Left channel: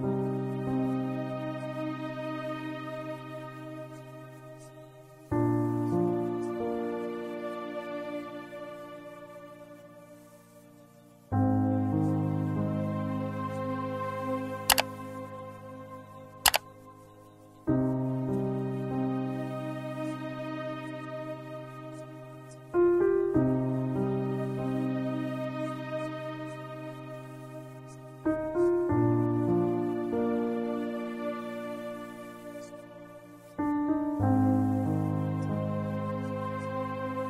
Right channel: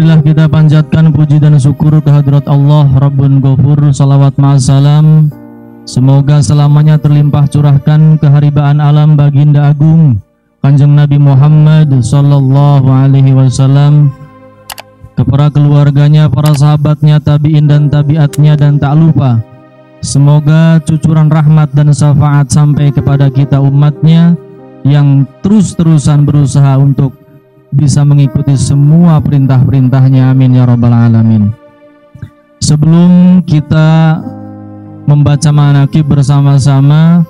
Marilah kita panjatkan puji dan syukur kehadirat Allah Rabbun Ghafur. Salawat ma'asalam semoga selamanya terlimpah curahkan keharibaan alam baginda agung Kanjeng Nabi Muhammad sallallahu alaihi wasallam, kepada keluarganya, para sahabatnya, tabi'in dan tabi'atnya, dan tak lupa semoga cucuran rahmat dan syafaat sampai kepada kita umatnya yang terus-terusan berusaha untuk bisa mengikuti semua perintah-perintahnya. Amin ya rabbal alamin. Sebelum kita membaca manaqib bersama-sama,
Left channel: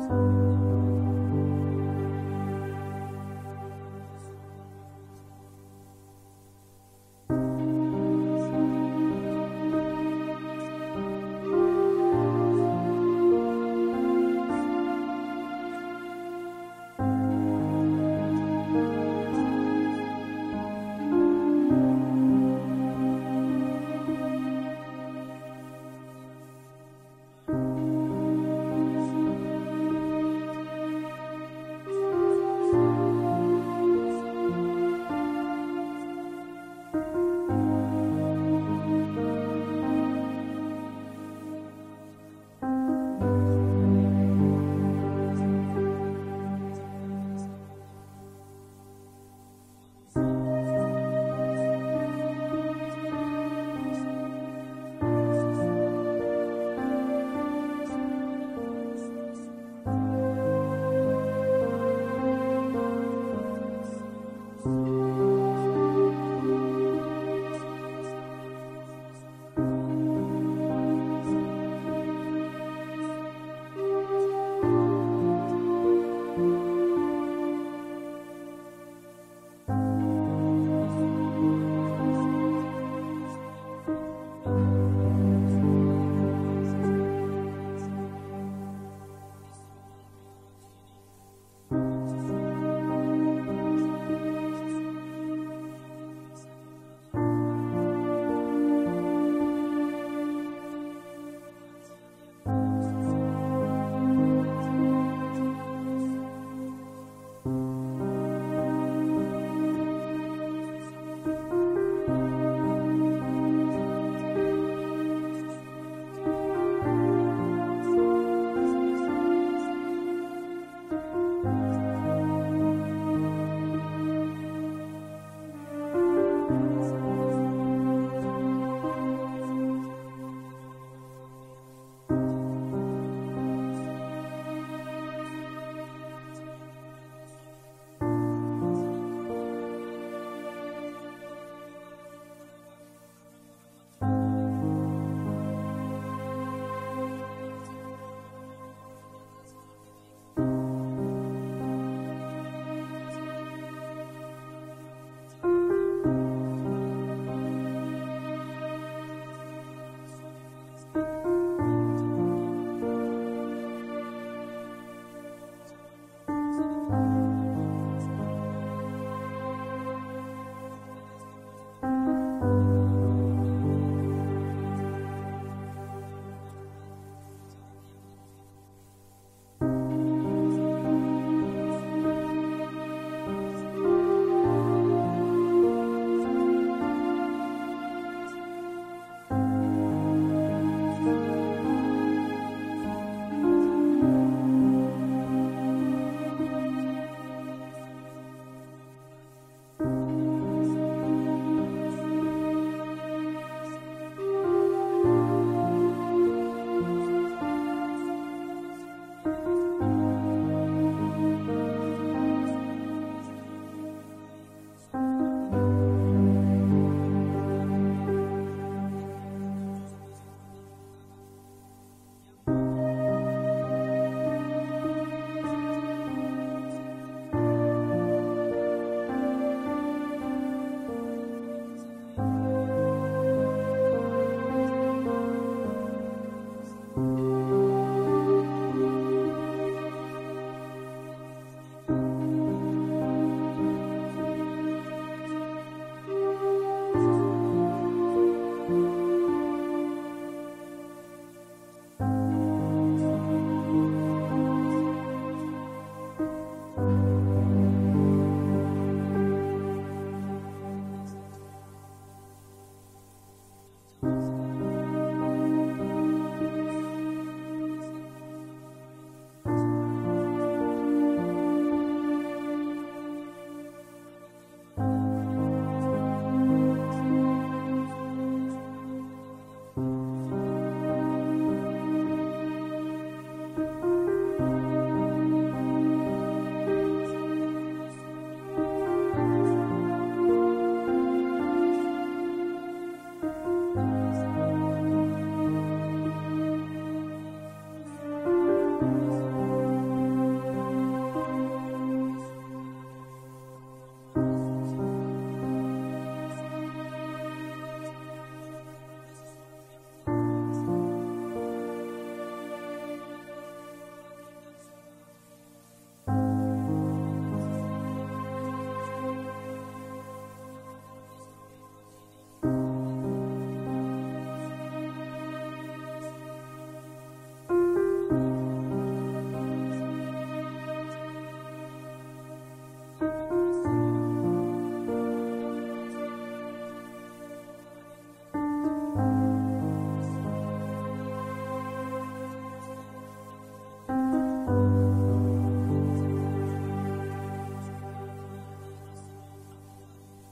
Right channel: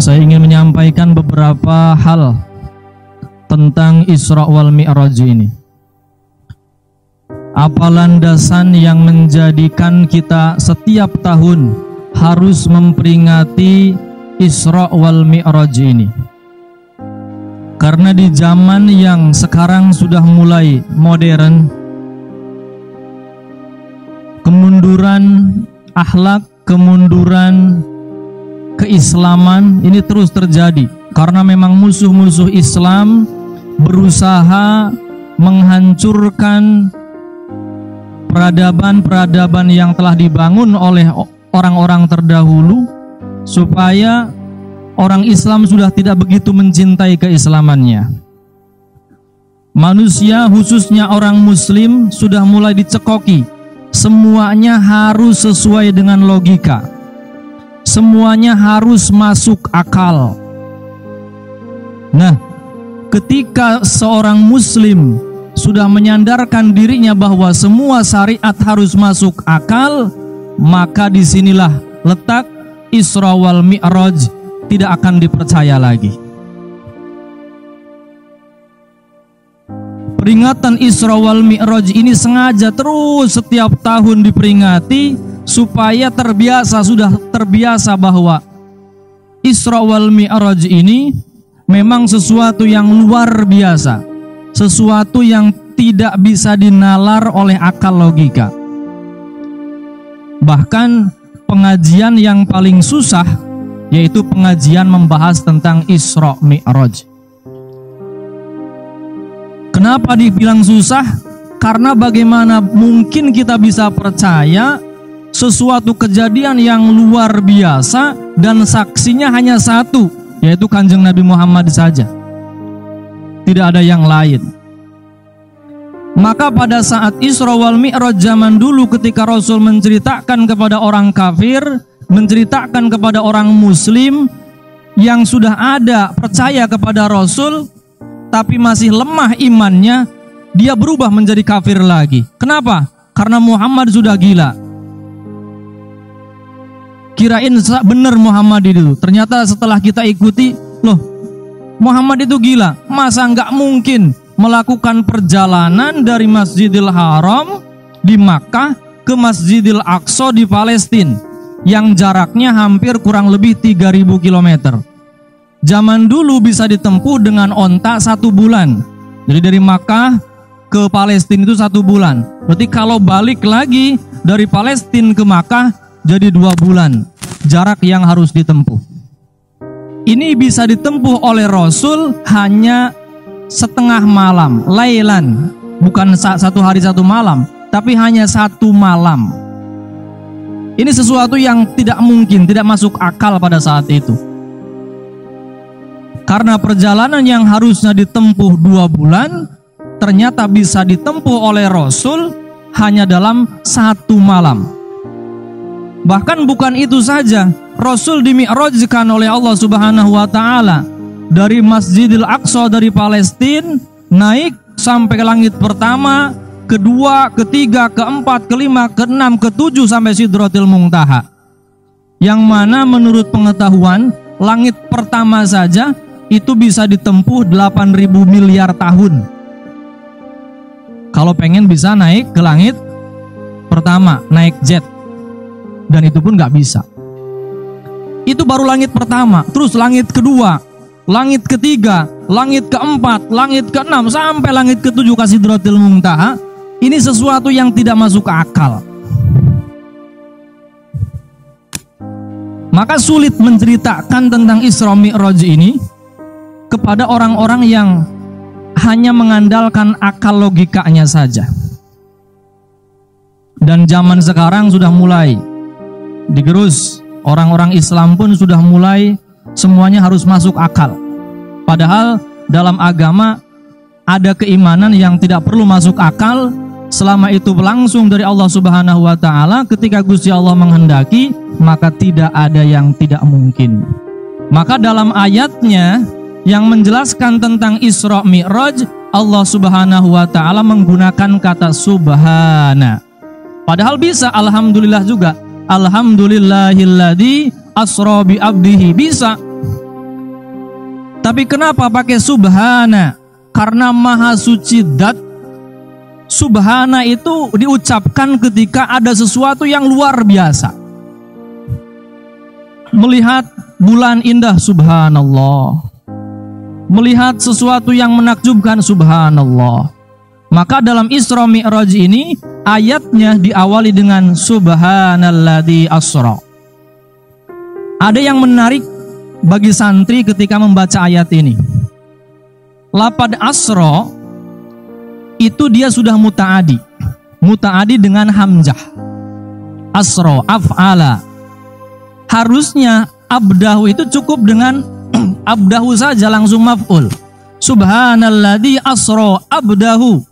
saya ingin menyampaikan beberapa hal tentang Isra wal Mi'raj ini. Apa landasan yang menjadikan kita setiap tahun harus memperingati Isra wal Mi'raj ini? Karena di zaman yang sekarang sudah mulai modern, kemunduran akhlak, kemunduran keislaman ini terus terjadi. Karena memang musuh-musuh Islam berusaha menghancurkan peradaban-peradaban yang telah dibangun oleh orang-orang terdahulu, supaya orang Islam sudah tidak begitu mencintai keislamannya. Manusia, khususnya orang Muslim, sudah mulai dicekoki. Semuanya harus sesuai dengan logika. Semuanya harus masuk akal. Nah, ketika seorang Muslim sudah menyandarkan dirinya bahwa semua syariat harus masuk akal, maka disinilah letak Isra wal Mi'raj tidak akan dipercaya lagi. Peringatan Isra wal Mi'raj ini sengaja terus setiap tahun diperingati supaya sudah terbiasa bahwa Isra wal Mi'raj ini memang sesuatu yang luar biasa, sesuatu yang tidak bisa dinalar oleh akal logika. Bahkan pengajian yang paling susah yaitu pengajian membahas tentang Isra Mi'raj. Kenapa dibilang susah? Karena bagaimana mungkin kita bisa percaya sesuatu kejadian yang luar biasa dan saksinya hanya satu, yaitu Kanjeng Nabi Muhammad saja. Tidak ada yang lain. Maka pada saat Isra wal Mi'raj zaman dulu, ketika Rasul menceritakan kepada orang kafir, menceritakan kepada orang Muslim yang sudah ada percaya kepada Rasul tapi masih lemah imannya, dia berubah menjadi kafir lagi. Kenapa? Karena Muhammad sudah gila. Kirain benar Muhammad itu, ternyata setelah kita ikuti, loh, Muhammad itu gila. Masa nggak mungkin melakukan perjalanan dari Masjidil Haram di Makkah ke Masjidil Aqsa di Palestina yang jaraknya hampir kurang lebih 3.000 km. Zaman dulu bisa ditempuh dengan onta 1 bulan. Jadi dari Makkah ke Palestina itu 1 bulan. Berarti kalau balik lagi dari Palestina ke Makkah jadi 2 bulan jarak yang harus ditempuh. Ini bisa ditempuh oleh Rasul hanya setengah malam, lailan, bukan 1 hari 1 malam, tapi hanya 1 malam. Ini sesuatu yang tidak mungkin, tidak masuk akal pada saat itu. Karena perjalanan yang harusnya ditempuh 2 bulan, ternyata bisa ditempuh oleh Rasul hanya dalam 1 malam. Bahkan bukan itu saja, Rasul dimi'rajkan oleh Allah Subhanahu wa Ta'ala dari Masjidil Aqsa dari Palestina, naik sampai ke langit pertama, kedua, ketiga, keempat, kelima, keenam, ketujuh sampai Sidratil Muntaha. Yang mana menurut pengetahuan, langit pertama saja itu bisa ditempuh 8.000 miliar tahun. Kalau pengen bisa naik ke langit pertama, naik jet. Dan itu pun nggak bisa. Itu baru langit pertama, terus langit kedua, langit ketiga, langit keempat, langit keenam, sampai langit ketujuh ke Sidratil Muntaha. Ini sesuatu yang tidak masuk akal. Maka sulit menceritakan tentang Isra Mi'raj ini kepada orang-orang yang hanya mengandalkan akal logikanya saja. Dan zaman sekarang sudah mulai digerus, orang-orang Islam pun sudah mulai semuanya harus masuk akal. Padahal dalam agama ada keimanan yang tidak perlu masuk akal selama itu langsung dari Allah Subhanahu wa taala. Ketika Gusti Allah menghendaki, maka tidak ada yang tidak mungkin. Maka dalam ayatnya yang menjelaskan tentang Isra Mi'raj, Allah Subhanahu wa taala menggunakan kata subhana. Padahal bisa alhamdulillah juga. Alhamdulillahilladzi asra bi abdihi, bisa. Tapi kenapa pakai subhana? Karena maha suci zat. Subhana itu diucapkan ketika ada sesuatu yang luar biasa. Melihat bulan indah, subhanallah. Melihat sesuatu yang menakjubkan, subhanallah. Maka dalam Isra Mi'raj ini ayatnya diawali dengan subhanalladzi asra. Ada yang menarik bagi santri ketika membaca ayat ini. Lafadz asra itu dia sudah muta'adi. Muta'adi dengan hamzah. Asra, af'ala. Harusnya abdahu itu cukup dengan abdahu saja, langsung maf'ul. Subhanalladzi asra abdahu.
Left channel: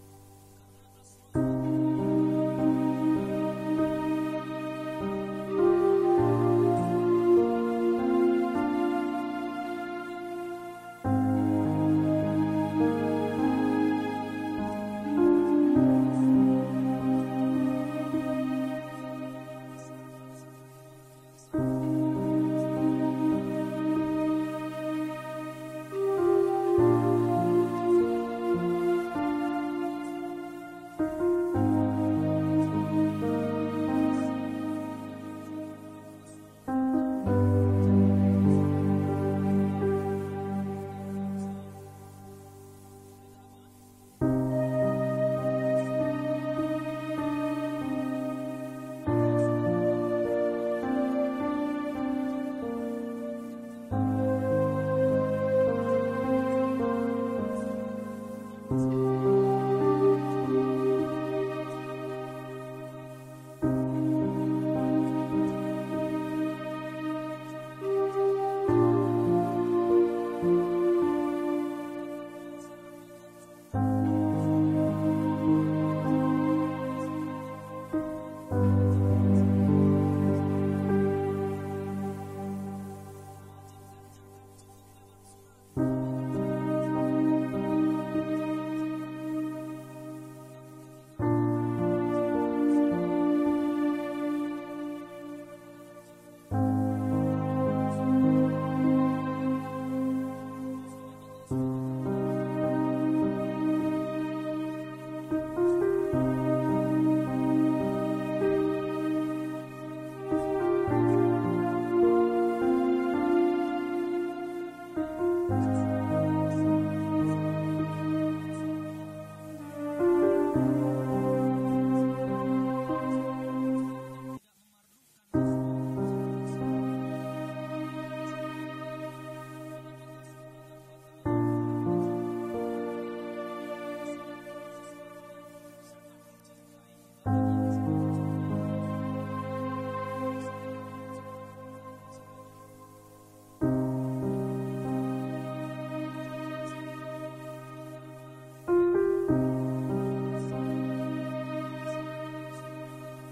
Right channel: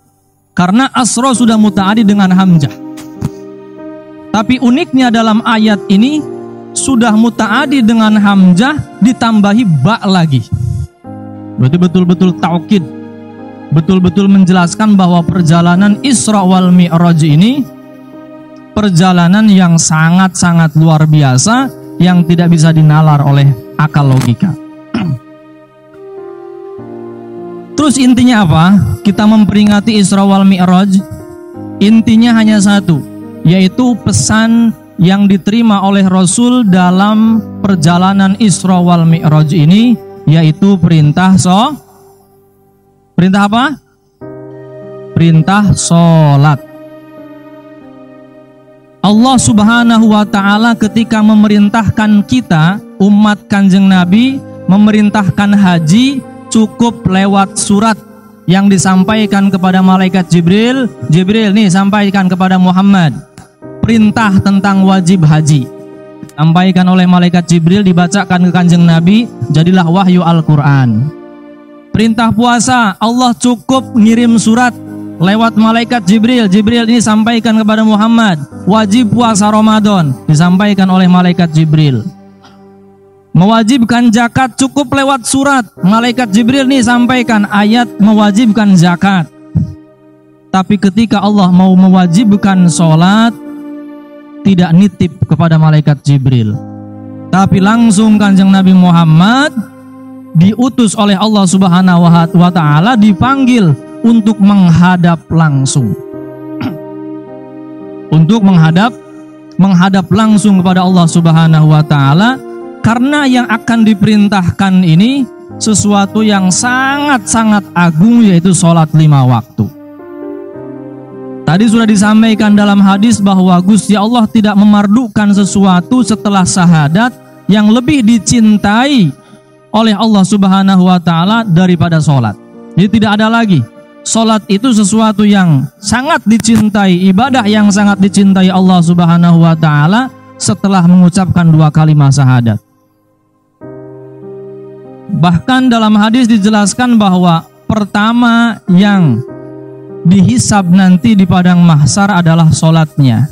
Karena asra sudah muta'adi dengan hamzah. Tapi uniknya dalam ayat ini sudah muta'adi dengan hamzah ditambahi ba lagi. Berarti betul-betul taukid, betul-betul menjelaskan bahwa perjalanan Isra wal Mi'raj ini perjalanan yang sangat-sangat luar biasa yang tidak bisa dinalar oleh akal logika. Terus intinya apa? Kita memperingati Isra wal Mi'raj. Intinya hanya satu, yaitu pesan yang diterima oleh Rasul dalam perjalanan Isra wal Mi'raj ini, yaitu perintah apa? Perintah sholat. Allah Subhanahu wa ta'ala ketika memerintahkan kita, umat Kanjeng Nabi, memerintahkan haji, cukup lewat surat yang disampaikan kepada malaikat Jibril. Jibril nih sampaikan kepada Muhammad perintah tentang wajib haji, sampaikan oleh malaikat Jibril, dibacakan ke Kanjeng Nabi, jadilah wahyu Al-Quran. Perintah puasa, Allah cukup ngirim surat lewat malaikat Jibril. Jibril ini sampaikan kepada Muhammad, wajib puasa Ramadan, disampaikan oleh malaikat Jibril. Mewajibkan zakat cukup lewat surat, malaikat Jibril nih sampaikan ayat mewajibkan zakat. Tapi ketika Allah mau mewajibkan sholat, tidak nitip kepada malaikat Jibril, tapi langsung Kanjeng Nabi Muhammad diutus oleh Allah Subhanahu wa ta'ala, dipanggil untuk menghadap langsung. Untuk menghadap langsung kepada Allah Subhanahu wa ta'ala. Karena yang akan diperintahkan ini sesuatu yang sangat-sangat agung, yaitu sholat 5 waktu. Tadi sudah disampaikan dalam hadis bahwa Gusti Allah tidak memardukan sesuatu setelah syahadat yang lebih dicintai oleh Allah Subhanahu wa ta'ala daripada sholat. Jadi tidak ada lagi. Sholat itu sesuatu yang sangat dicintai, ibadah yang sangat dicintai Allah Subhanahu wa ta'ala setelah mengucapkan 2 kalimat syahadat. Bahkan dalam hadis dijelaskan bahwa pertama yang dihisab nanti di padang mahsyar adalah sholatnya.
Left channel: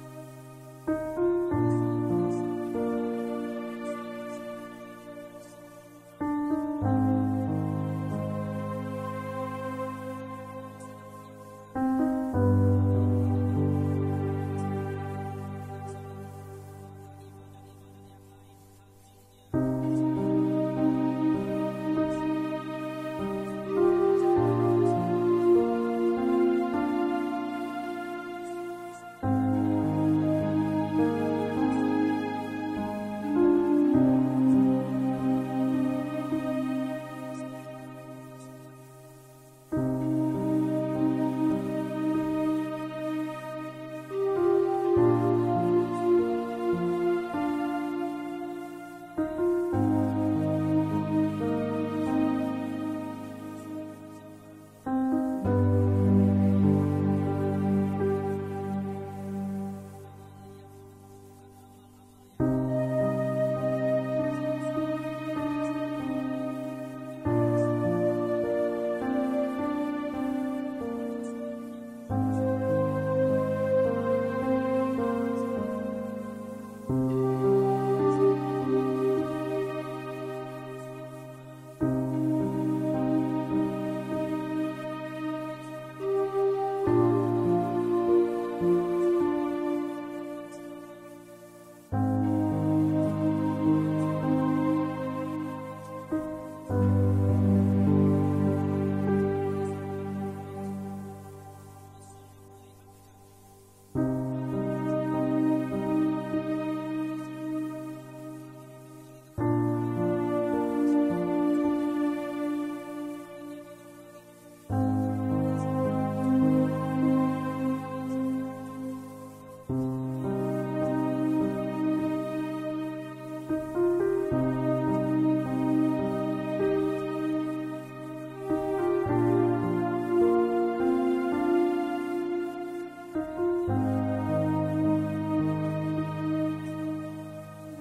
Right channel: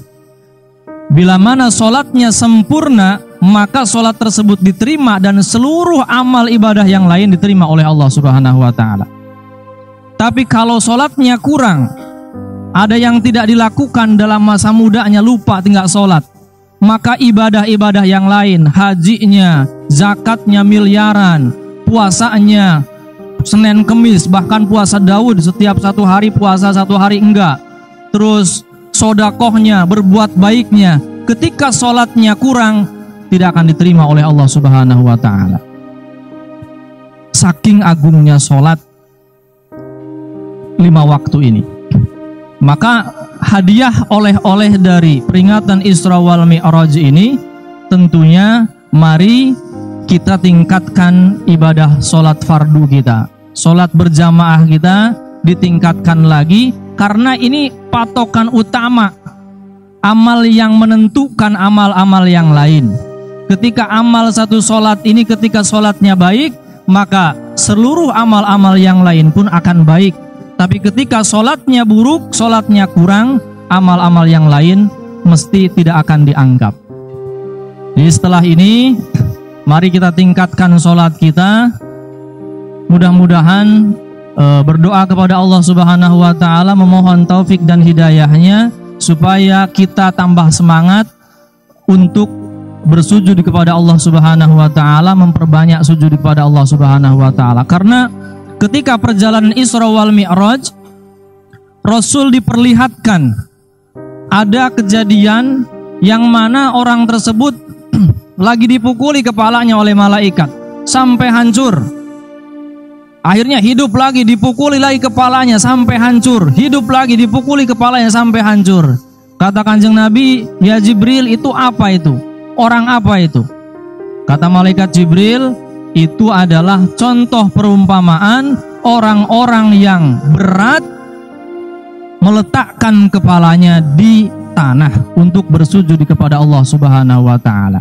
Bila mana sholatnya sempurna, maka sholat tersebut diterima dan seluruh amal ibadah yang lain diterima oleh Allah Subhanahu wa ta'ala. Tapi kalau sholatnya kurang, ada yang tidak dilakukan dalam masa mudanya, lupa tinggal sholat, maka ibadah-ibadah yang lain, hajinya, zakatnya miliaran, puasanya Senin Kemis, bahkan puasa Daud setiap 1 hari puasa 1 hari enggak, terus sodakohnya, berbuat baiknya, ketika sholatnya kurang, tidak akan diterima oleh Allah Subhanahu wa ta'ala. Saking agungnya sholat 5 waktu ini. Maka hadiah oleh-oleh dari peringatan Isra wal Mi'raj ini tentunya mari kita tingkatkan ibadah sholat fardu kita. sholat berjamaah kita ditingkatkan lagi, karena ini patokan utama, amal yang menentukan amal-amal yang lain. Ketika amal satu sholat ini, ketika sholatnya baik, maka seluruh amal-amal yang lain pun akan baik. Tapi ketika sholatnya buruk, sholatnya kurang, amal-amal yang lain mesti tidak akan dianggap. Jadi setelah ini, mari kita tingkatkan sholat kita. Mudah-mudahan berdoa kepada Allah Subhanahu wa Ta'ala, memohon taufik dan hidayahnya supaya kita tambah semangat untuk bersujud kepada Allah Subhanahu wa Ta'ala, memperbanyak sujud kepada Allah Subhanahu wa Ta'ala. Karena ketika perjalanan Isra wal Mi'raj, Rasul diperlihatkan ada kejadian yang mana orang tersebut lagi dipukuli kepalanya oleh malaikat sampai hancur. Akhirnya hidup lagi, dipukuli lagi kepalanya sampai hancur. Hidup lagi, dipukuli kepalanya sampai hancur. Kata Kanjeng Nabi, "Ya Jibril, itu apa itu? Orang apa itu?" Kata malaikat Jibril, "Itu adalah contoh perumpamaan orang-orang yang berat meletakkan kepalanya di tanah untuk bersujud kepada Allah Subhanahu wa Ta'ala."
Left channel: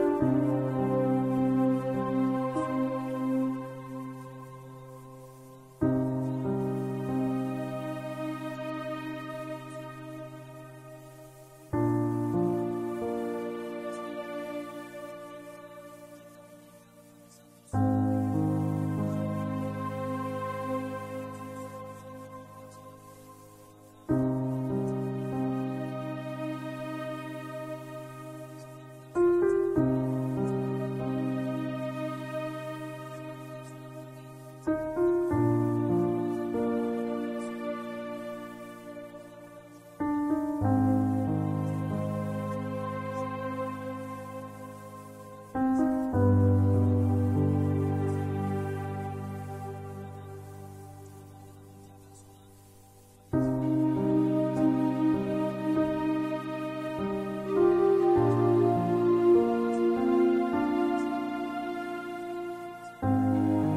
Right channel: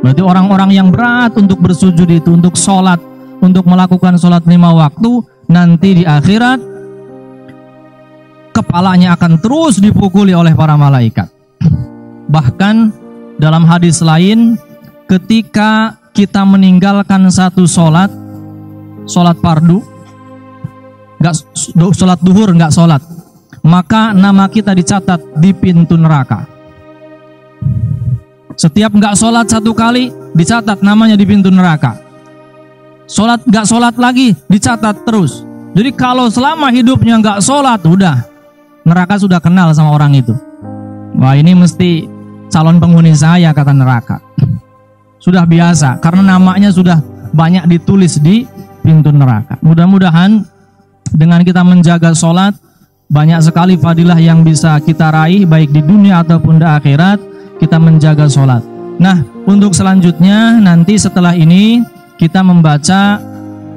Berarti orang-orang yang berat untuk bersujud itu, untuk sholat, untuk melakukan sholat 5 waktu, nanti di akhirat kepalanya akan terus dipukuli oleh para malaikat. Bahkan dalam hadis lain, ketika kita meninggalkan satu sholat fardu, sholat duhur nggak sholat, maka nama kita dicatat di pintu neraka. Setiap nggak sholat satu kali, dicatat namanya di pintu neraka. Sholat nggak sholat lagi, dicatat terus. Jadi kalau selama hidupnya nggak sholat, udah neraka sudah kenal sama orang itu. Wah, ini mesti calon penghuni saya, kata neraka. Sudah biasa, karena namanya sudah banyak ditulis di pintu neraka. Mudah-mudahan dengan kita menjaga sholat, banyak sekali fadilah yang bisa kita raih, baik di dunia ataupun di akhirat. Kita menjaga sholat. Nah, untuk selanjutnya nanti setelah ini kita membaca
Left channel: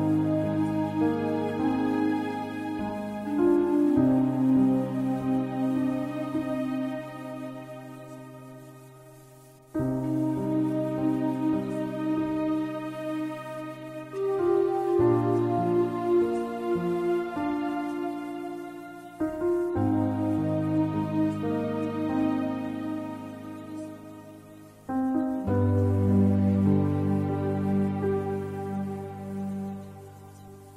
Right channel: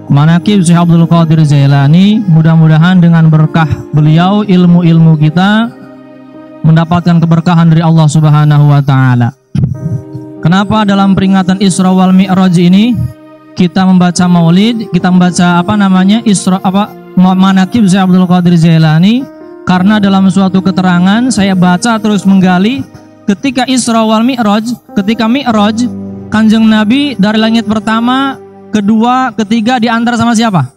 Manaqib Syekh Abdul Qadir Jailani. Mudah-mudahan dengan berkah beliau, ilmu-ilmu kita mendapatkan keberkahan dari Allah Subhanahu wa Ta'ala. Kenapa dalam peringatan Isra wal Mi'raj ini kita membaca maulid, kita membaca Manaqib Syekh Abdul Qadir Jailani? Karena dalam suatu keterangan saya baca terus menggali, ketika Isra wal Mi'raj, ketika Mi'raj, Kanjeng Nabi dari langit pertama, kedua, ketiga diantar sama siapa?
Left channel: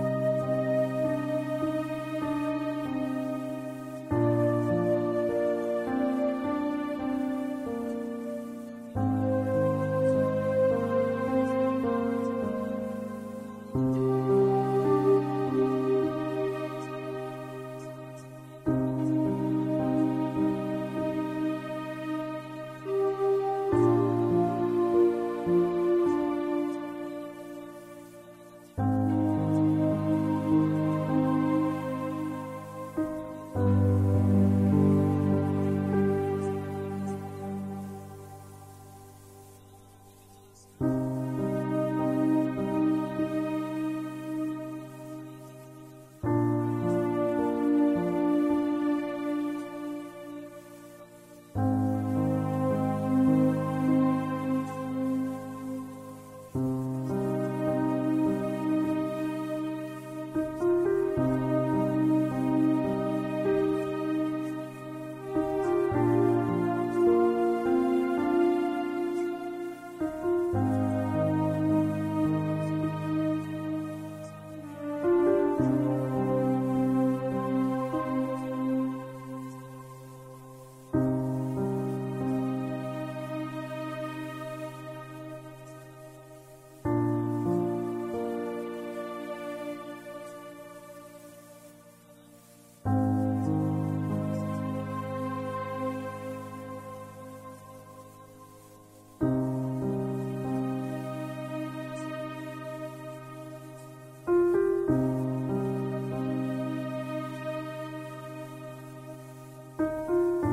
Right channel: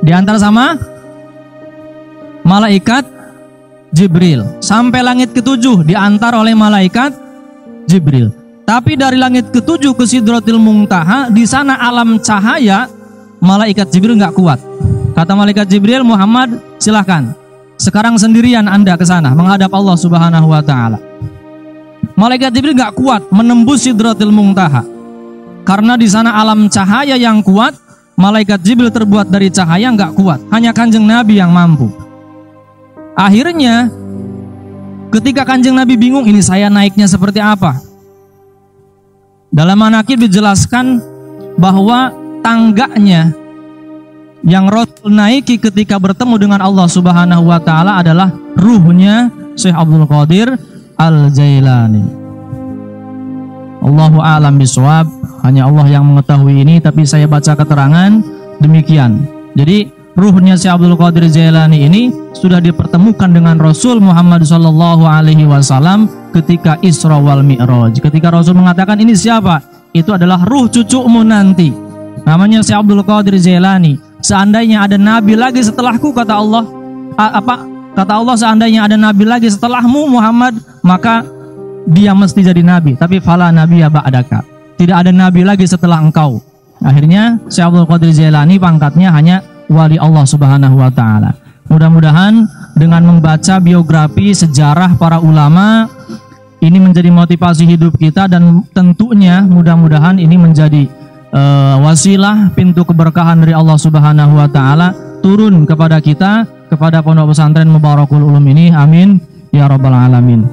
Diantar sama malaikat Jibril. Sampai langit ketujuh diantar oleh malaikat Jibril. Tapi dari langit ketujuh ke Sidratil Muntaha, di sana alam cahaya, malaikat Jibril nggak kuat. Kata malaikat Jibril, "Muhammad, silahkan. Sekarang sendirian Anda ke sana menghadap Allah Subhanahu wa Ta'ala." Malaikat Jibril nggak kuat menembus Sidratil Muntaha, karena di sana alam cahaya yang kuat. Malaikat Jibril terbuat dari cahaya, nggak kuat. Hanya Kanjeng Nabi yang mampu. Akhirnya ketika Kanjeng Nabi bingung, ini saya naiknya seperti apa? Dalam Manaqib dijelaskan bahwa tangganya yang Rasul naiki ketika bertemu dengan Allah Subhanahu wa Ta'ala adalah ruhnya Syekh Abdul Qadir Al-Jailani. Allahu a'lam bishawab. Hanya Allah yang mengetahui ini, tapi saya baca keterangan demikian. Jadi ruhnya Syekh Abdul Qadir Jailani ini sudah dipertemukan dengan Rasul Muhammad sallallahu alaihi wasallam ketika Isra wal Mi'raj. Ketika Rasul mengatakan, "Ini siapa?" Itu adalah ruh cucumu nanti, namanya Syekh Abdul Qadir Jailani. Seandainya ada nabi lagi setelahku, kata Allah, kata Allah, seandainya ada nabi lagi setelahmu Muhammad, maka dia mesti jadi nabi. Tapi fala nabiyya ba'daka, tidak ada nabi lagi setelah engkau. Akhirnya Syekh Abdul Qadir Jailani pangkatnya hanya wali Allah Subhanahu wa Ta'ala. Mudah-mudahan dengan membaca biografi sejarah para ulama ini menjadi motivasi hidup kita, dan tentunya mudah-mudahan ini menjadi wasilah pintu keberkahan dari Allah Subhanahu wa Ta'ala turun kepada kita, kepada Pondok Pesantren Mubarakul Ulum ini. Amin ya rabbal alamin.